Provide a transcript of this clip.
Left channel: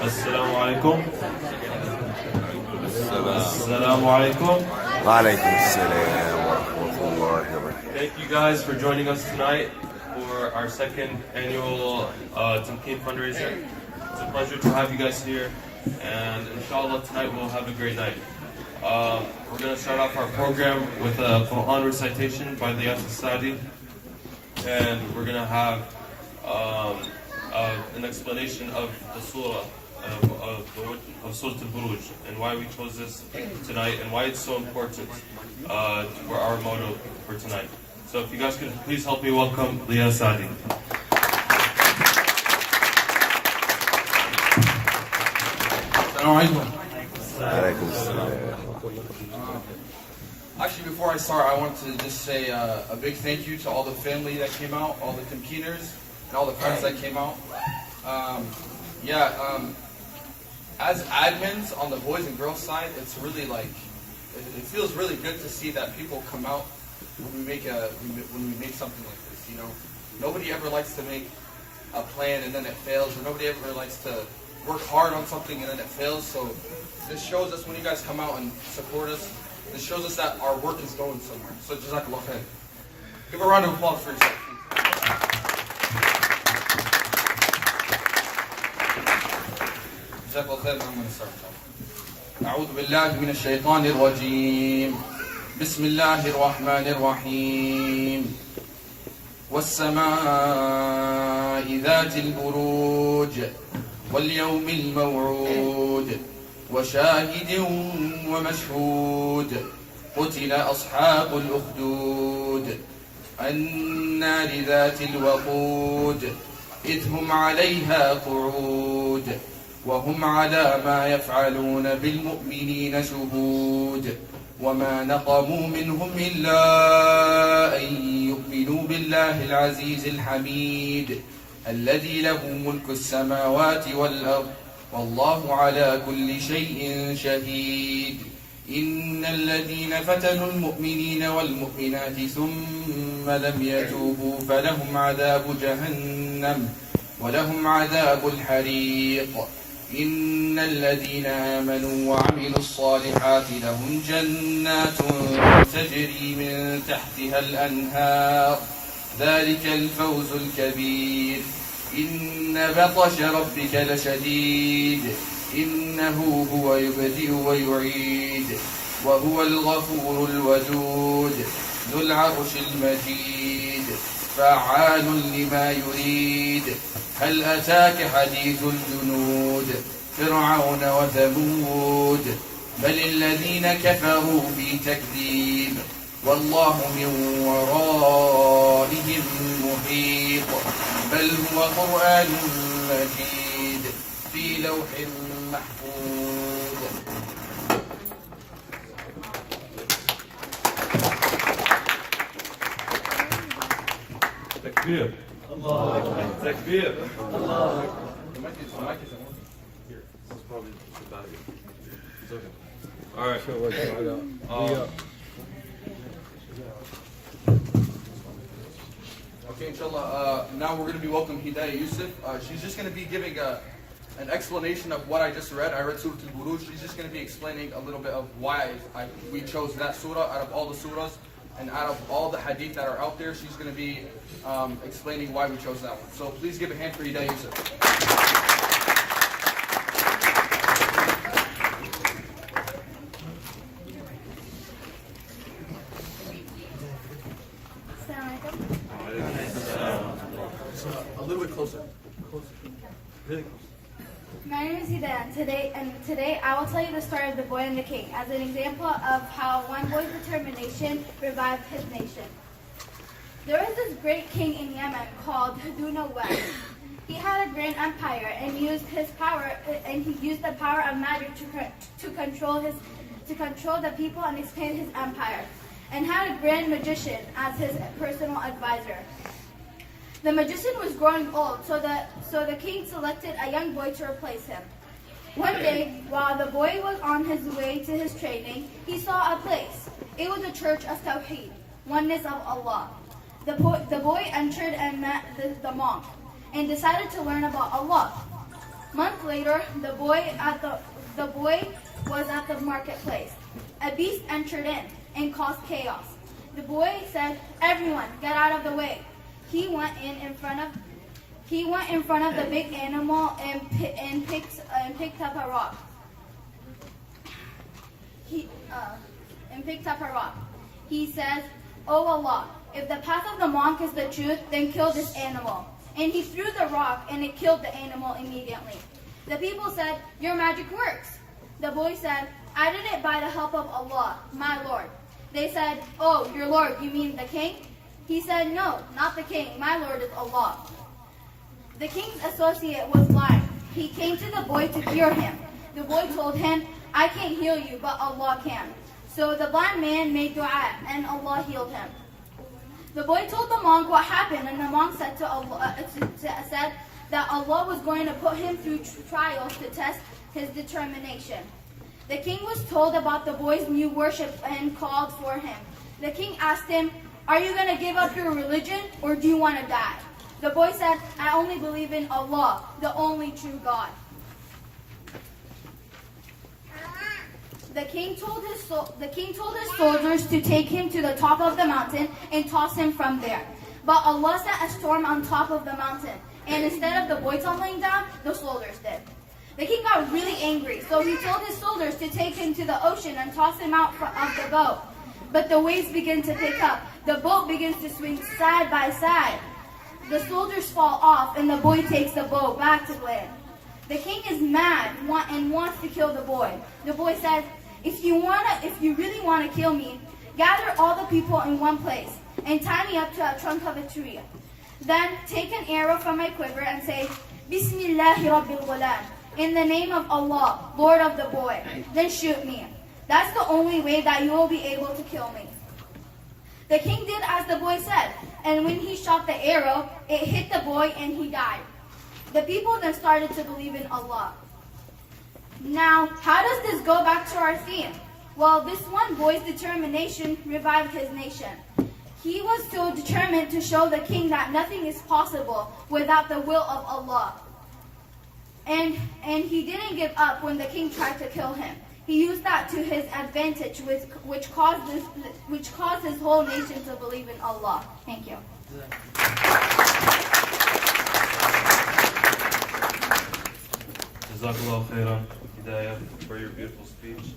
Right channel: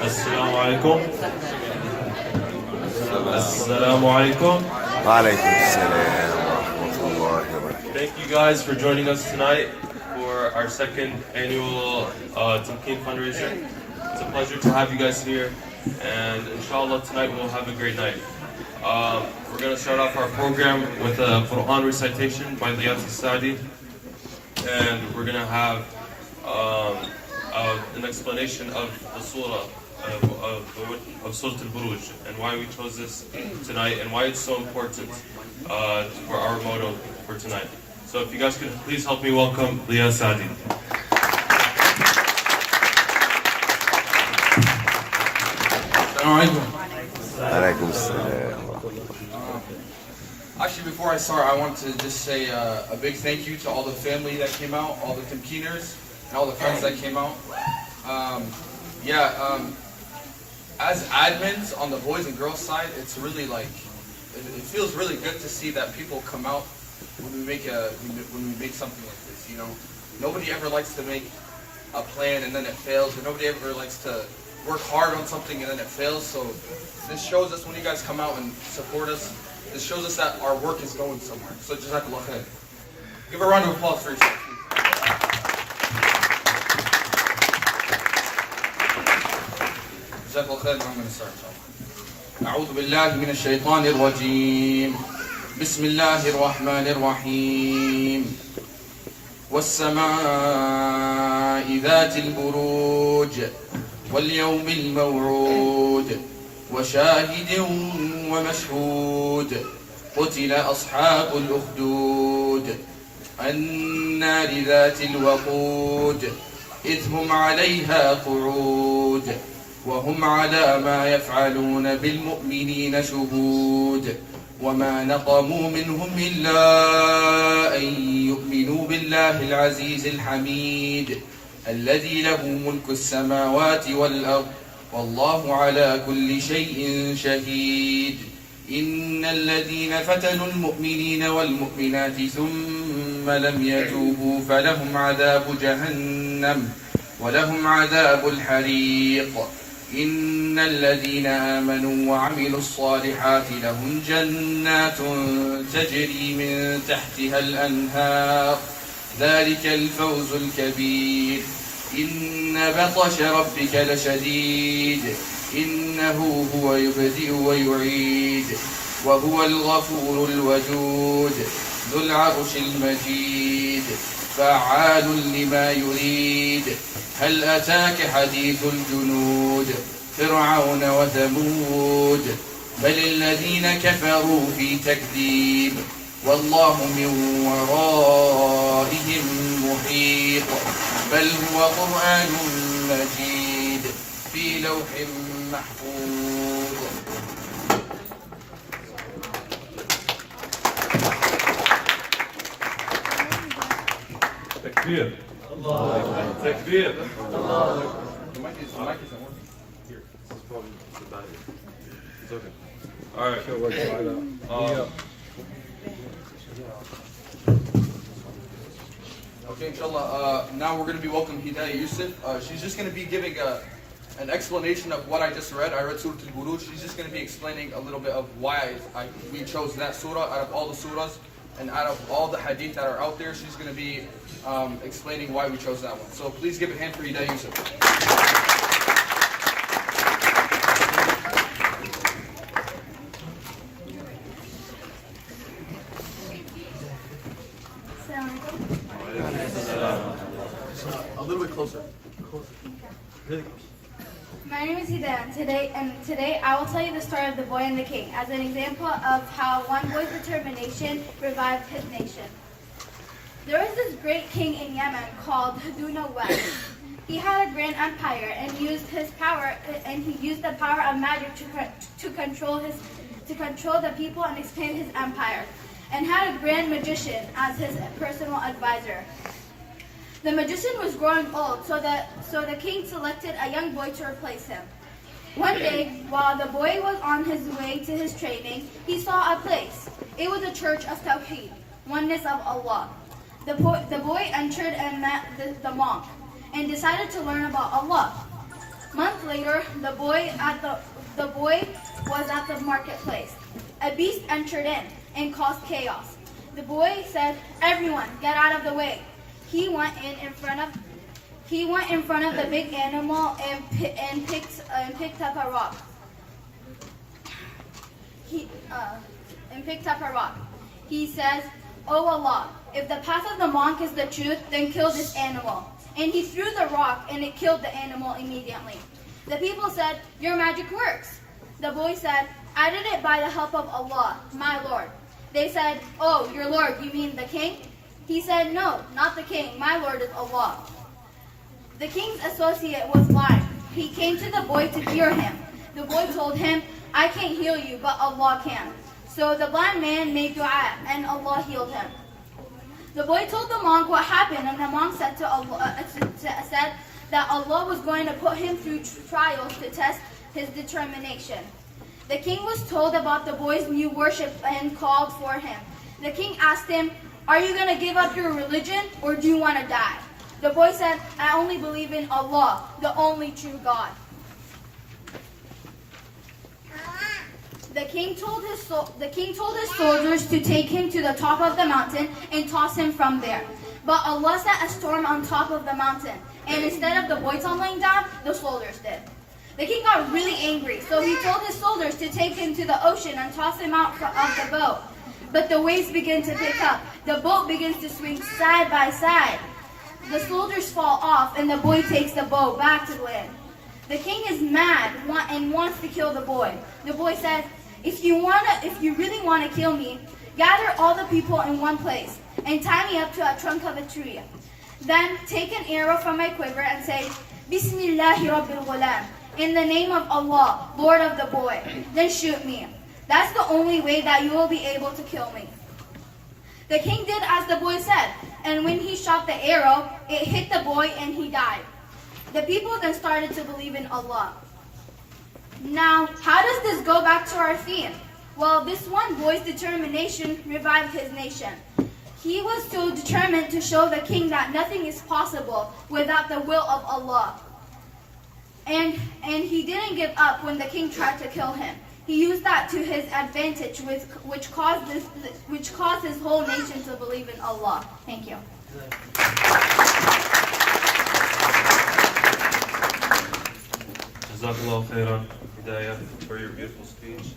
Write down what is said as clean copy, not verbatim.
Assalamu alaikum. Assalamu alaikum. وعليكم السلام ورحمة الله وبركاته. Thank you guys for joining us tonight for our second annual Tamkeen fundraiser. It's a pleasure to have you guys here, and inshallah tonight we'll have a great night. We're going to start off our program with a Quran recitation by Dhiaa Saadi, and we're going to have an explanation of the surah of Surah Al-Burooj and why we chose this tonight and why it's so important for our motto for tonight. So if you guys could please help me welcome Dhiaa Saadi. وعليكم السلام. Actually, before I start, I want to just say a big thank you to all the family that came out, all the Tamkeeners, and all the friends that came out. As admins on the boys and girls side, it's really like, it feels really good to see that people come out when we make something like this. You know, nobody ever likes to make a plan and then it fails, or nobody ever likes to work hard on something and then it fails. So this shows us when you guys come out and support us, this shows us that our work is going somewhere. So Jazakallah khair. Give a round of applause for yourself, please. جزاك الله خير. I'm going to start inshallah. أعوذ بالله من الشيطان الرجيم. بسم الله الرحمن الرحيم. والسماء ذات البروج واليوم الموعود وشاهد ومشهود قتل أصحاب الأخدود النار ذات الوقود إذ هم عليها قعود وهم على ما يفعلون بالمؤمنين شهود وما نقموا منهم إلا أن يؤمنوا بالله العزيز الحميد الذي له ملك السماوات والأرض والله على كل شيء شهيد إن الذين فتنوا المؤمنين والمؤمنات ثم لم يتوبوا فلهم عذاب جهنم ولهم عذاب الحريق إن الذين آمنوا وعملوا الصالحات لهم جنات تجري من تحتها الأنهار ذلك الفوز الكبير إن بطش ربك لشديد إنه هو يبدئ ويعيد وهو الغفور الودود ذو العرش المجيد فعال لما يريد هل أتاك حديث الجنود فرعون وثمود بل الذين كفروا في تكذيب والله من ورائهم محيط بل هو قرآن مجيد في لوح محفوظ. Takbir. Takbir. The mic isn't working. Here, this is probably the battery. It's okay. All right. Okay, inshallah, now we're going to be welcoming Hedaya Youssef. She's just going to be giving an explanation of what I just read. I read Surah Al-Burooj. She's just going to be explaining a little bit of why we chose that surah out of all the surahs. And out of all the hadith that are out there, she's going to be explaining why we chose that one. So please give a hand for Hedaya Youssef. A little bit closer. My name is Hedaya, and today I will tell you the story of the boy and the king as an example of how one boy's determination revived his nation. There was this great king in Yemen called Heduna West. He had a grand empire and used the power of magic to control the people and expand his empire, and had a grand magician as his personal advisor. The magician was growing old, so the king selected a young boy to replace him. One day, while the boy was on his way to his training, he saw a place. It was a church of Tawheed, oneness of Allah. The boy entered and met the monk, and decided to learn about Allah. Months later, the boy was at the marketplace. A beast entered in and caused chaos. The boy said, "Everyone, get out of the way." He went in front of the big animal and picked up a rock. He says, "Oh Allah, if the path of the monk is the truth, then kill this animal." And he threw the rock and it killed the animal immediately. The people said, "Your magic works." The boy said, "I did it by the help of Allah, my Lord." They said, "Oh, your Lord, you mean the king?" He said, "No, not the king. My Lord is Allah." The king's associate was blind. He came to the boy to cure him. The boy told him, "I can't heal you, but Allah can." So the blind man made dua and Allah healed him. The boy told the monk what happened, and the monk said that Allah was going to put him through trials to test his determination. The king was told about the boy's new worship and called for him. The king asked him, "Are you going to give up your religion or do you want to die?" The boy said, "I only believe in Allah, the only true God." The king told his soldiers to take him to the top of the mountain and toss him from there. But Allah set a storm on top of the mountain, and instead of the boy tumbling down, the soldiers did. The king got really angry, so he told his soldiers to take him to the ocean and toss him out of the boat. But the waves begin to pick up. The boat begins to swing side by side. The soldiers fall off, and the boy takes the boat back to land. The king is mad and wants to kill the boy. The boy says, if you really want to kill me, gather all the people in one place and tie me up to a trunk of a tree. Then take an arrow from my quiver and say, Bismillahi Rabbil Ghulam, in the name of Allah, Lord of the boy. Then shoot me. That's the only way that you will be able to kill me. The king did as the boy said, and when he shot the arrow, it hit the boy and he died. The people then started to believe in Allah. Now, how does this go back to our theme? Well, this one boy's determination revived his nation. He was so determined to show the king that nothing is possible without the will of Allah. And he didn't give up when the king tried to kill him. He used that to his advantage, which caused his whole nation to believe in Allah. Thank you. Jazakallah khairan, Hedaya, for your beautiful speech.